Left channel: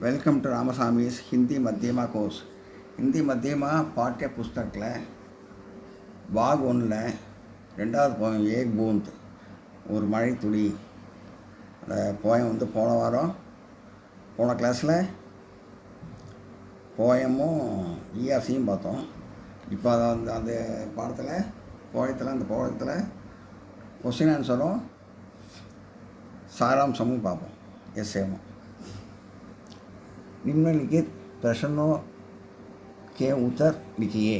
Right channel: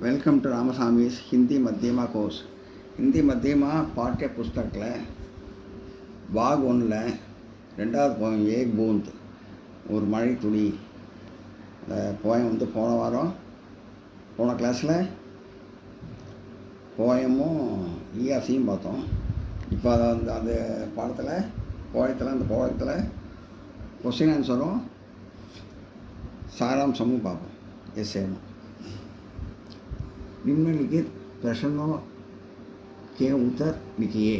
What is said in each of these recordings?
Welcome to रामस्वामी's Hindi मध्यमा course. Hindi मध्यमा पाठ्य पुस्तक भाग 1 ரெண்டாவது போயம் ஏக் பூந்த் ஒரு மழை துளி. அந்த போயம் வந்து போன கிளாஸில் போயமும் இஆர்சியும் பார்த்தோம். இப்போ அதை வந்து அந்த அந்த போயத்தில் கொஸ்டின் ஆன்சரும் சாராம்சமும் பார்ப்போம். எஸ்ஏவும் निम्नलिखित प्रश्नों के उत्तर लिखिए.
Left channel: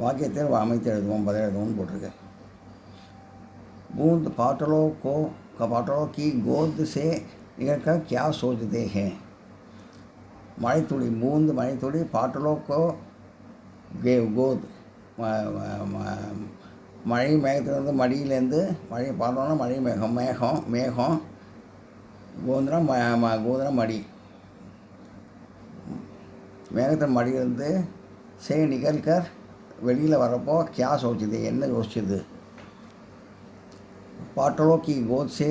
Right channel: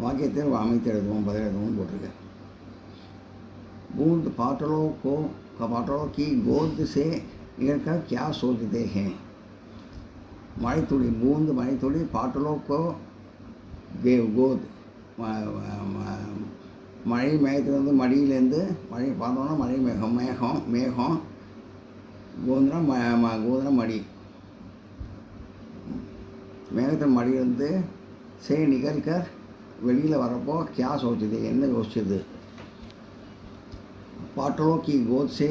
வாக்கியத்தில் அமைத்து எழுதுவோம், பதில் எழுதுவோம் போட்டிருக்கு. बूंद पाटलों की गोद से निकलकर क्या सोचते हैं. மழைத்துளி बूंद மழைத்துளி पाटलों को गोद மழை மேகத்திலிருந்து மடியிலேருந்து மழை பார்த்தோன்னா மழை மேகம் கோதுனா மடி மேகத்தின் மடியிலிருந்து சே நிகழ்கர் வெளியில் வரப்போ क्या सोचते என்ன யோசிச்சது. पाटलों की गोद से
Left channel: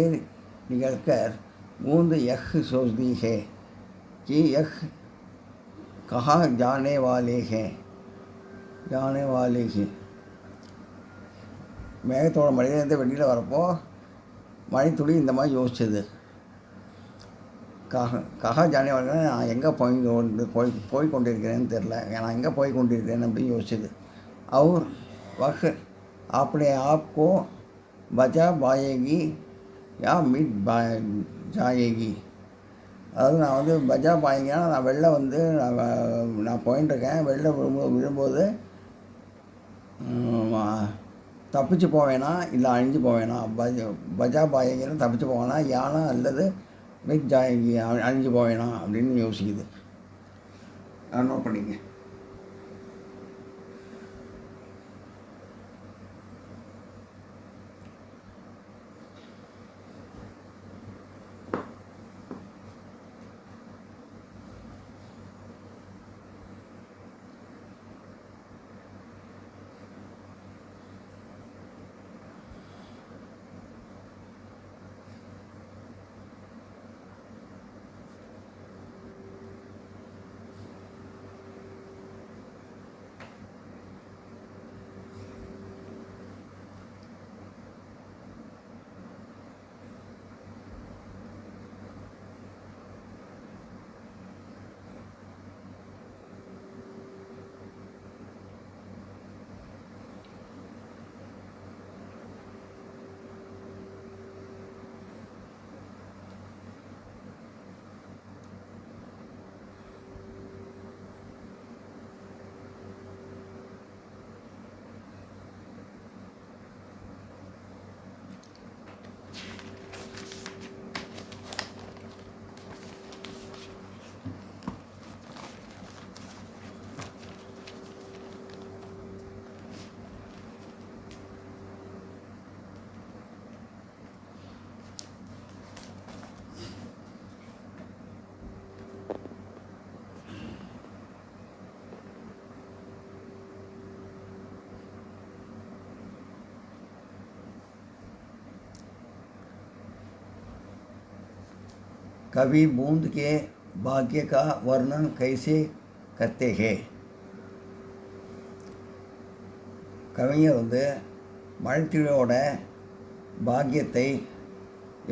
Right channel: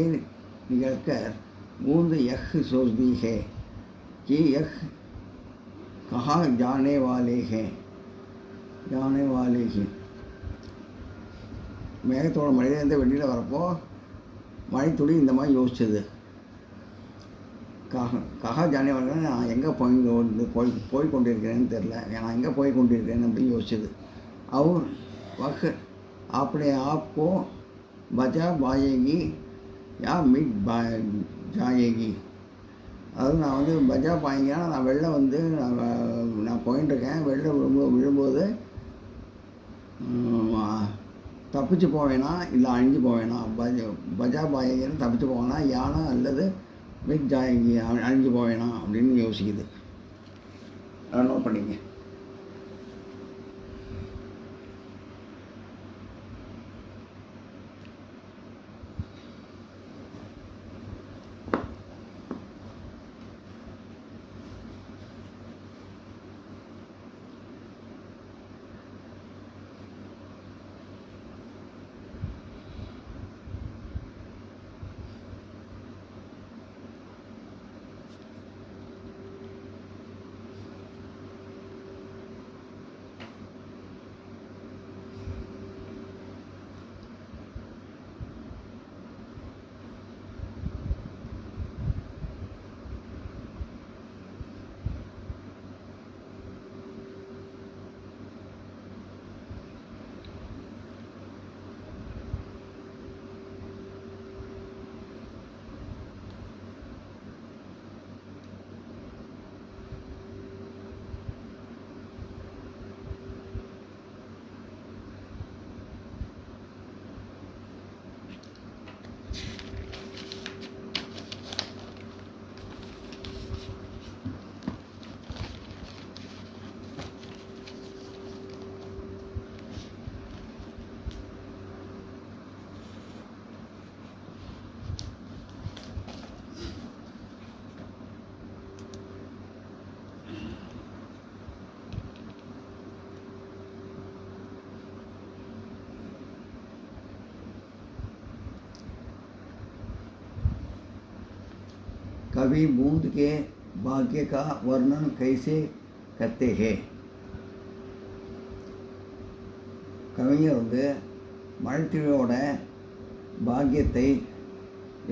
निकलकर बूंद यह सोचती है कि यह कहाँ जाने वाले हैं. மேகத்தோட மடியிலேருந்து வெளியில் வரப்போ மழைத்துளி இந்த மாதிரி யோசிச்சது. கஹா ஜானே வாழ நான் எங்கே போய் கொண்டிருக்கிறேன்னு தெரில, நான் எங்கே போய் கொண்டிருக்கிறேன் அப்படின்னு யோசிச்சது. और वह अपने आप को बचा पाएगी या मिट जाएगी. அதாவது நான் வந்து பஜா பாயிங்கன்னா நான் வெளில வந்து நான் போயின்ட்டுருக்கேன். வெளில விழும்போது தப்பிச்சு போவேனா இல்லை அழிஞ்சு போவேனா. பஜா பாயகின்னு தப்பிச்சு போவேனா யானா அல்லது மிட் ஜாயகி அழிஞ்சு போவேனா அப்படின்னு யோசிக்குது. நான் நோட் பண்ணிங்க. कवि बूंद के भाग्य का वर्णन कैसे करते हैं. கவிஞர் வந்து மழைத்துளியோட பாக்கியத்தை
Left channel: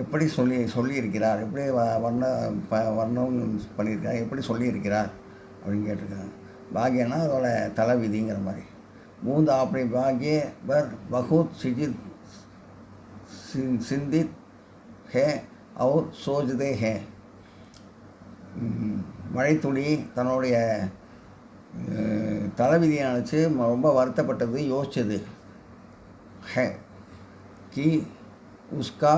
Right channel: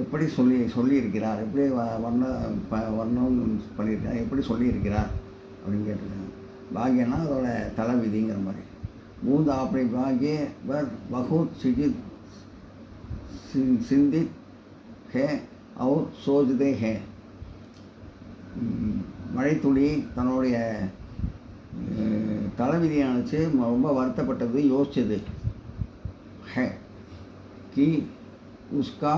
எப்படி சொல்லியிருக்கிறார், எப்படி வர்ணம் பண்ணியிருக்கிறார், எப்படி சொல்லியிருக்கிறார் அப்படின்னு கேட்டிருக்காங்க. பாக்கியன்னா அதோட தலைவிதிங்கிற மாதிரி. बूंद अपने भाग्य पर बहुत चिंतित है और सोचते हैं. மழைத்துளி தன்னுடைய தலைவிதியை நினச்சி ரொம்ப வருத்தப்பட்டது, யோசிச்சது. है कि उसका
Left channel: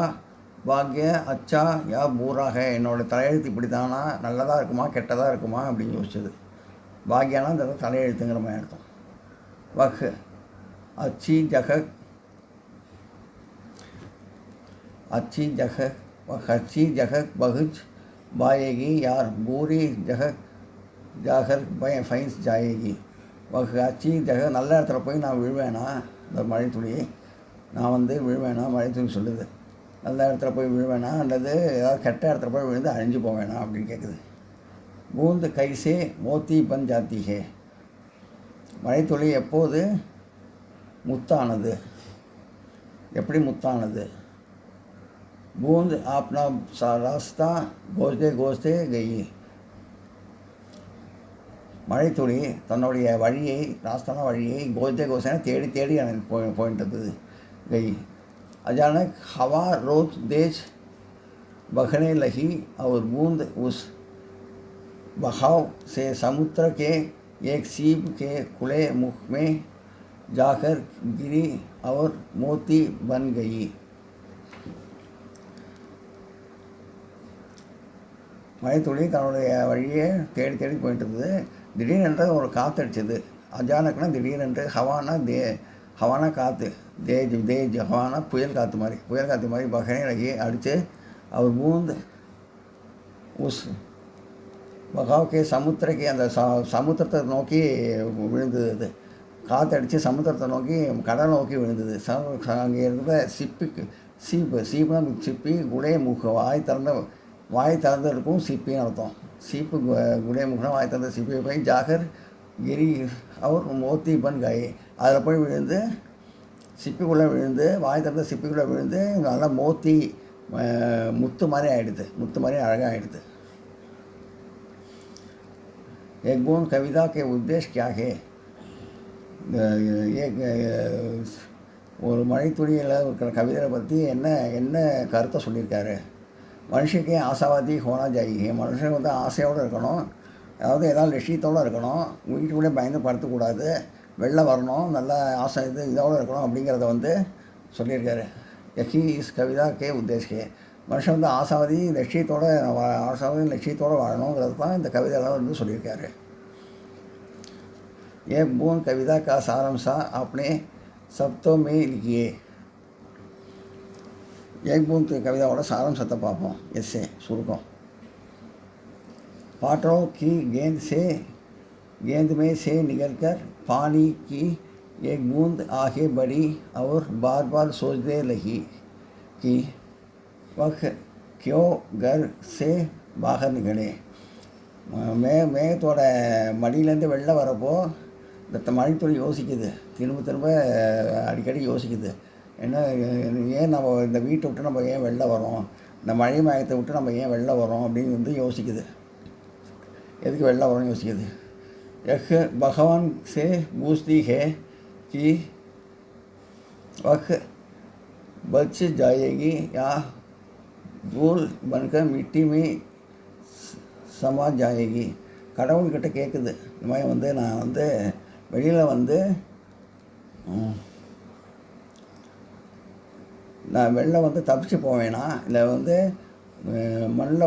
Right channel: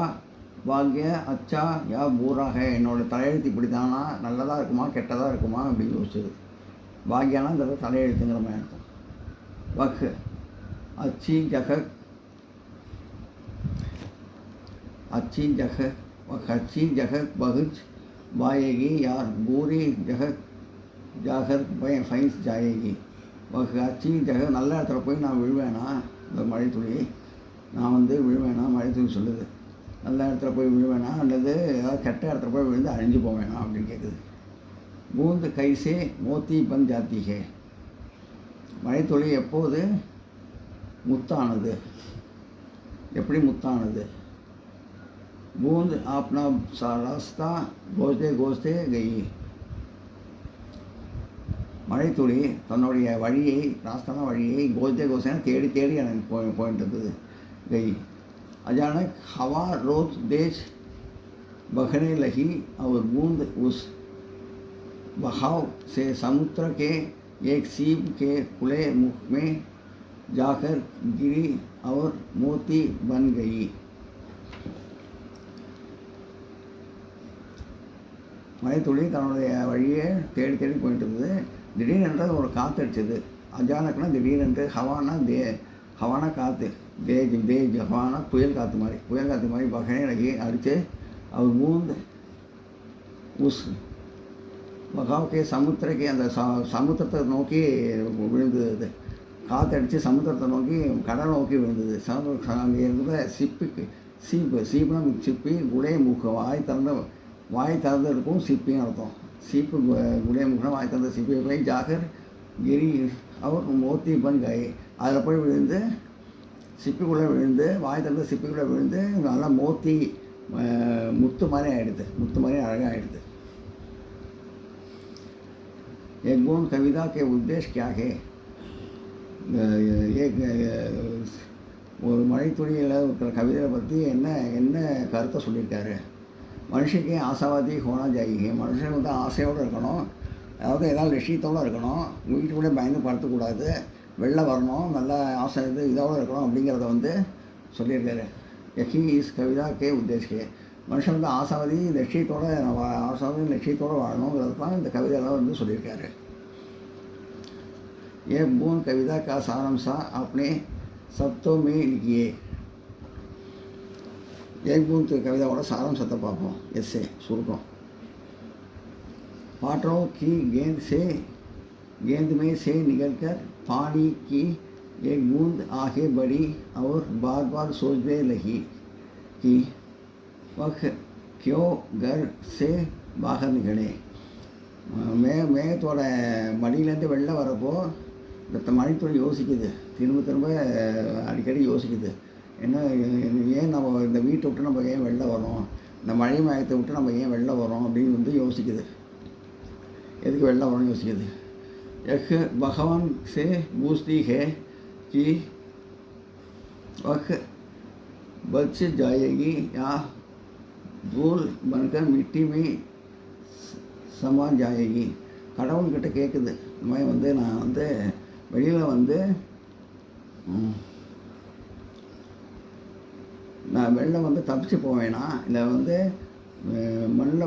भाग्य अच्छा या बुरा है. என்னோட தலையெழுத்து இப்படி தானா, நல்லதாக இருக்குமா கெட்டதாக இருக்குமா அப்படின்னு யோசிச்சது. பாக்யானா இந்த தலையெழுத்துங்கிற மாதிரி அர்த்தம். वह अच्छी जगह पहुँच पाएगी या बुरी जगह जाकर फंस जाएगी. अच्छी जगह நல்ல இடத்துல போய் நான் விழுவேனா, இந்த மழைத்துளி நான் வந்து விழுவேனா மழைத்துளி சொல்லுது. நல்ல இடத்துல போய் விழுவேனா அல்லது ஏதாவது கெட்ட இடத்துல போய் விழுந்து அழிஞ்சு போவேனா அப்படின்னு கேட்குது. பூந்து கைசே மோத்தி பன் ஜாத்தி ஹே, மழைத்துளி எப்போது முத்தானது, எப்படி முத்தானது. பூந்த் ஆப்னா ராஸ்தா கோஸ்தே கோஸ்தே கெய், மழைத்துளி தன்னுடைய வழியை, ராஸ்தான வழியை கோஸ்தே கோஸ்தேன தேடி தேடி எனக்கு போயிட்டு இருந்தது. கெய் अचानक हवा रोज तेज बहने लगी और बूंद उस बहाव से समुद्र के एक सीप के खुले मुख में जाकर गिरी और मोती बन गई. மழைத்துளி தன்னுடைய வழியே தேடி தேடி போயிட்டு இருந்தது. திடீரென்று ஒரு காற்றடிச்சது. அஜானக்னா திடீரென்று, ஹவானா காற்று, தேஜ் ஹவானா புயல் காற்று மாதிரி பகனே லகி அடித்து அவர் பூந்து உஸ் பகாவுக்கே சமுத்திரக்கு அந்த சமுத்திரத்தை நோக்கி விழுந்தது. அது காற்றடித்து சமுத்திரத்தை நோக்கி கடல் நோக்கி விழுந்தது. அங்கே இருந்த சீப்புனா சிப்பி, குடே முக வாய் திறந்து இருக்கும் சிப்பின்னு அர்த்தம். சீப்பு குடே முகனா வாய் திறந்த சிப்பி போய் ஜாகர் கிரி அவர் மோத்தி பன் காய், அதில் போய் விழுந்து சிப்பிக்குள்ளே விழுந்து, வாய் திறந்த சிப்பிக்குள்ளே விழுந்து நல்லா மோத்தி முத்து மாதிரி ஆகிடுது, முத்து மாதிரி அழகாக ஆகிடுது. एक बूंद कविता के उद्देश्य क्या है. ஒரு மழைத்துளியில் இருக்கிற கவிதையை பற்றி என்ன கருத்தை சொல்லியிருக்காரு. மனுஷனுக்கு ஆசாவாதி ஹோனா ஜாயிகே, மனுஷன் வந்து ஆசையோடு இருக்கணும், அதாவது ஏதாவது லட்சியத்தோடு இருக்கணும், வீட்டுக்குள்ளே பயந்து படுத்தக்கூடாது, வெளில வரணும், நல்ல ஆசை இதோடு இருக்கணும் அப்படிங்கிறத வந்து சொல்லியிருக்காரு. யஹி இஸ் கவிதா கே உத்தேஷ்கே, மனுஷன் வந்து ஆசாவாதி லட்சியத்தோடு வாழணுங்கிறது தான் இந்த கவிதையெல்லாம் வந்து சொல்லியிருக்காரு. ये बूंद कविता का सारांश आपने शब्दों में लिखिए. एक बूंद कविताओட सारांशத்தை பார்ப்போம். எஸ்ஸே சுருக்கம். पाटरों की गेंद में से निकलकर पानी की एक बूंद आगे बढ़ी और बार बार सोचने लगी कि वह क्यों घर से बाहर निकले. மேகத்தோட மடியிலேருந்து வெளில வரப்போ இந்த மழைத்துளி யோசிக்குது, திரும்ப அடிக்கடி யோசிக்குது, என்ன ஏன் நம்ம இந்த வீட்டை விட்டு நம்ம ஏன் வெளில வரோம், இந்த மழை மயத்தை விட்டு நம்ம ஏன் வெளில வரோம் அப்படின்னு வந்து யோசிக்குது. எதுக்கு வெளில வரோம்னு யோசிக்குது. यह भगवान से पूछती है कि वह बच जाएगी या धूल बनकर मिट्टी में समा जाएगी. கடவுள்கிட்ட கேட்குது, இந்த மாதிரி வந்து நான் வந்து வெளியில் வந்து நான் வெளில வந்து தப்பிச்சு போவேனா, இல்லை வந்து மண்ணில்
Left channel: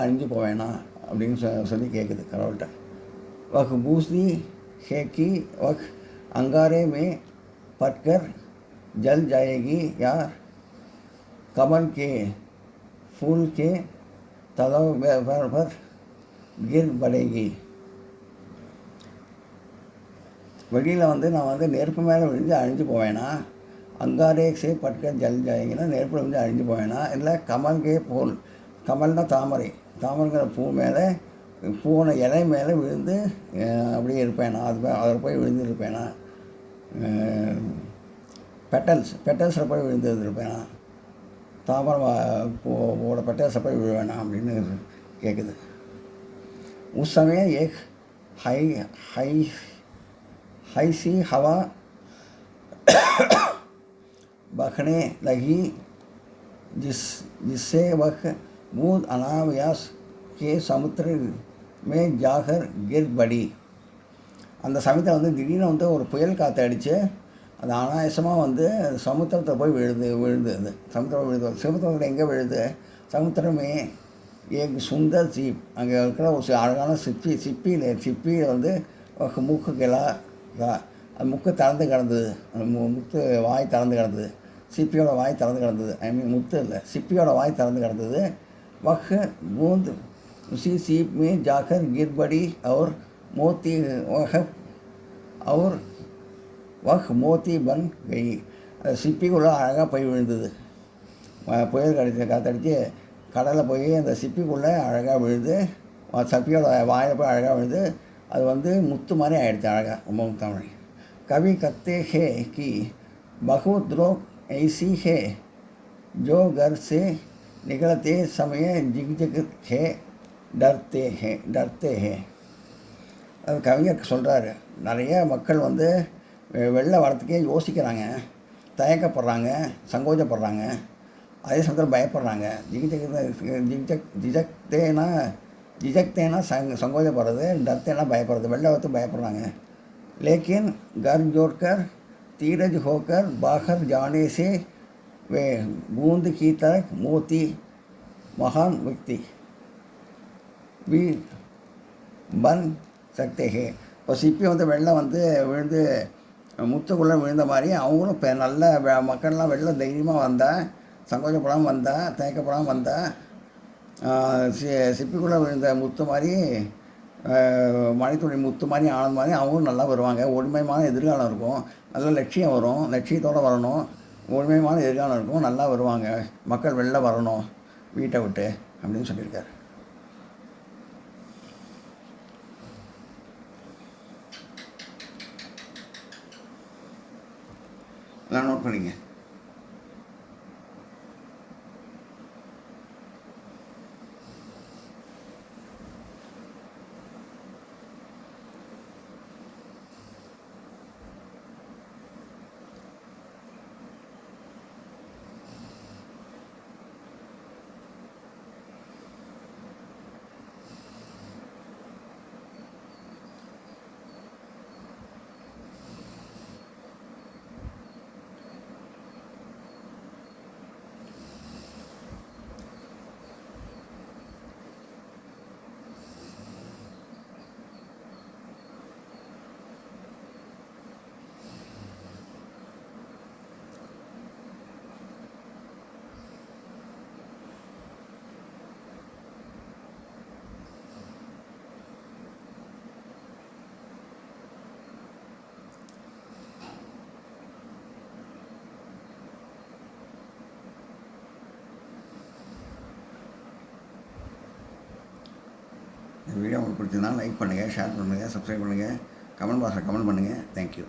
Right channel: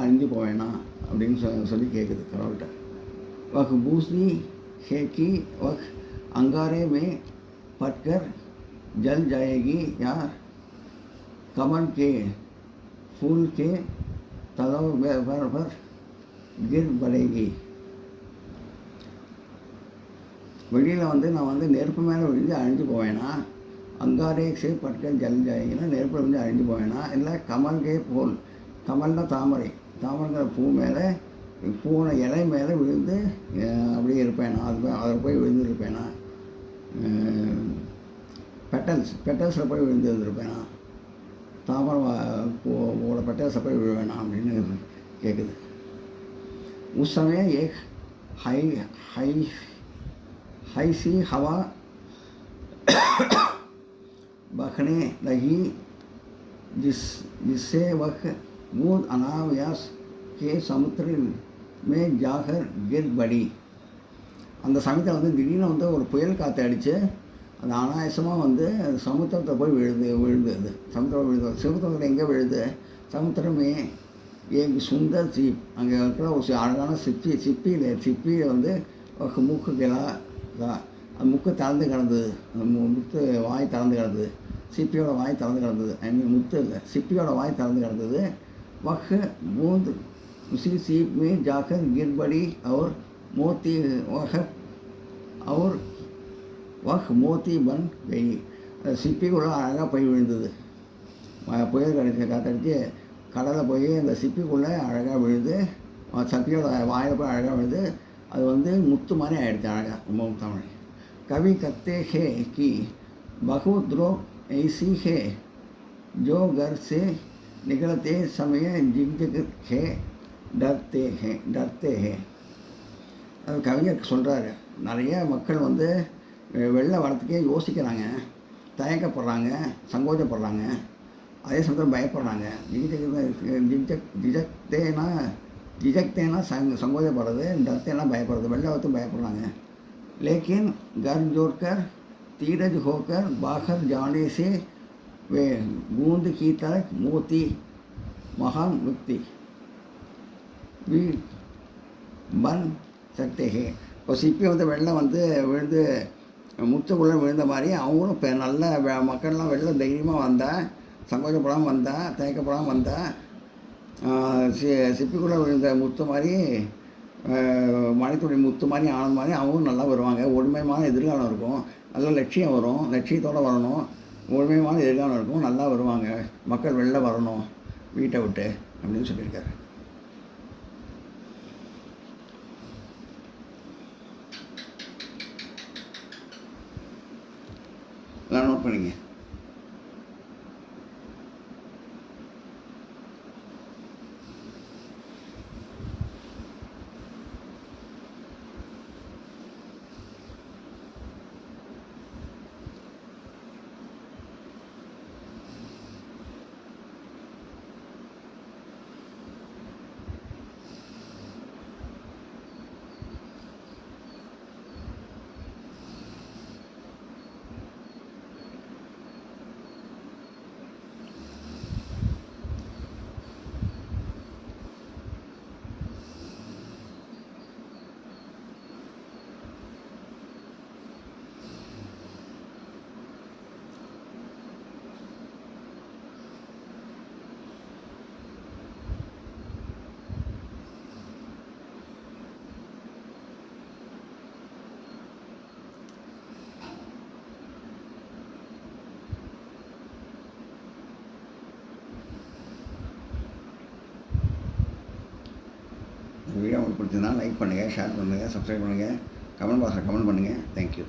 அழிஞ்சு போவேனா அப்படின்னு சொல்லி கேட்குது கடவுள்கிட்ட. वह पूछती है कि वह अंगारे में पटकर जल जाएगी या कमल के फूल के तलों पर गिर पड़ेगी. வெளியில் வந்து நான் வந்து நெருப்பு மேலே விழுந்து அழிஞ்சு போவேனா, அங்காரேக்ஸே பட்கன் ஜல் ஜாயிங்கன்னா நெருப்பில் விழுந்து அழிஞ்சு போவேனா, இல்லை கமல்கே பூல், கமல்னா தாமரைங்கிற பூவோட இலை மேலே விழுந்து அப்படியே இருப்பேனா, அதில் போய் விழுந்து இருப்பேனா, பெட்டல்ஸில் போய் விழுந்து இருப்பேனா, தாமரை பூவோட பெட்டல்ஸில் போய் விழுவேனா அப்படின்னு கேட்குது. उस समय एक हाई सी हवा बहने लगी जिससे वह बूंद अनायास के समुद्र में जाकर गिर पड़ी. அந்த சமயத்தில் வந்து திடீர்னு வந்து ஒரு புயல் காற்று அடித்து அது அனாயாசமாக வந்து சமுத்திரத்தை போய் விழுது. சமுத்திரத்தில் எங்கே விழுது, சமுத்திரமே ஏன் சுந்தர் சீப், அங்கே இருக்கிற ஒரு அழகான சிப்பியில் வந்து மூக்குக்கெல்லாம் அது முக்கு திறந்து கிடந்தது, முத்து வாய் திறந்து கிடந்தது, சிப்பியோட வாய் திறந்து கிடந்தது, ஐ மீன் முத்து இல்லை, சிப்பியோட வாய் திறந்து கிடந்தது. वह बूंद उसी सीप में जाकर गिर पड़ी और मोती बन गई. அது சிப்பிக்குள்ளே அழகாக போய் விழுந்தது. புயல் காற்றடிச்சு கடலில் போய் அந்த சிப்பிக்குள்ளே அழகாக விழுந்து, சிப்பியோட வாயில் போய் அழகாக விழுந்து, அது வந்து முத்து மாதிரி ஆகிடுச்சு அழகாக, ரொம்ப முத்தாமணி. கவி கத்தே ஹே கி பகுத் லோக் ஐசி ஹே जो घर से निकलते समय झिकझक है डरते हैं. அது கவிஞர் சொல்கிறாரு, நிறைய மக்கள் வந்து வெளில வரத்துக்கே யோசிக்கிறாங்க, தயக்கப்படுறாங்க, சங்கோஜப்படுறாங்க, அதே சமயத்தில் பயப்படுறாங்க. ஜிஜக்தேனா சங்கோஜப்படுறது, டர்த்தேனா பயப்படுறது, வெளில வரத்துக்கு பயப்படுறாங்க. लेकिन घर जोड़कर धीरज होकर बाहर जाने से वे बूंद की तरह मोती महान व्यक्ति भी बन सकते हैं. இப்போ சிப்பி வந்து வெள்ளம் வந்து விழுந்து முத்துக்குள்ளே விழுந்த மாதிரி அவங்களும் இப்போ நல்ல மக்கள்லாம் வெளில தைரியமாக வந்தால், சங்கோஜப்படாமல் வந்தால், தயக்கப்படாமல் வந்தால், சிப்பிக்குள்ளே விழுந்த முத்து மாதிரி, மழைத்துளி முத்து மாதிரி ஆனது மாதிரி அவங்களும் நல்லா வருவாங்க. ஒருமையான எதிர்காலம் இருக்கும், நல்ல லட்சியம் வரும், லட்சியத்தோடு வரணும், ஒருமையான எதிர்காலம் இருக்கும், நல்லா வருவாங்க, மக்கள் வெளில வரணும் வீட்டை விட்டு அப்படின்னு சொல்லியிருக்காரு. எல்லாம் நோட் பண்ணிங்க. இந்த வீடியோ உங்களுக்கு பிடிச்சதுன்னா லைக் பண்ணுங்கள், ஷேர் பண்ணுங்கள், சப்ஸ்கிரைப் பண்ணுங்கள், கமெண்ட் பாக்ஸில் கமெண்ட் பண்ணுங்கள். தேங்க்யூ.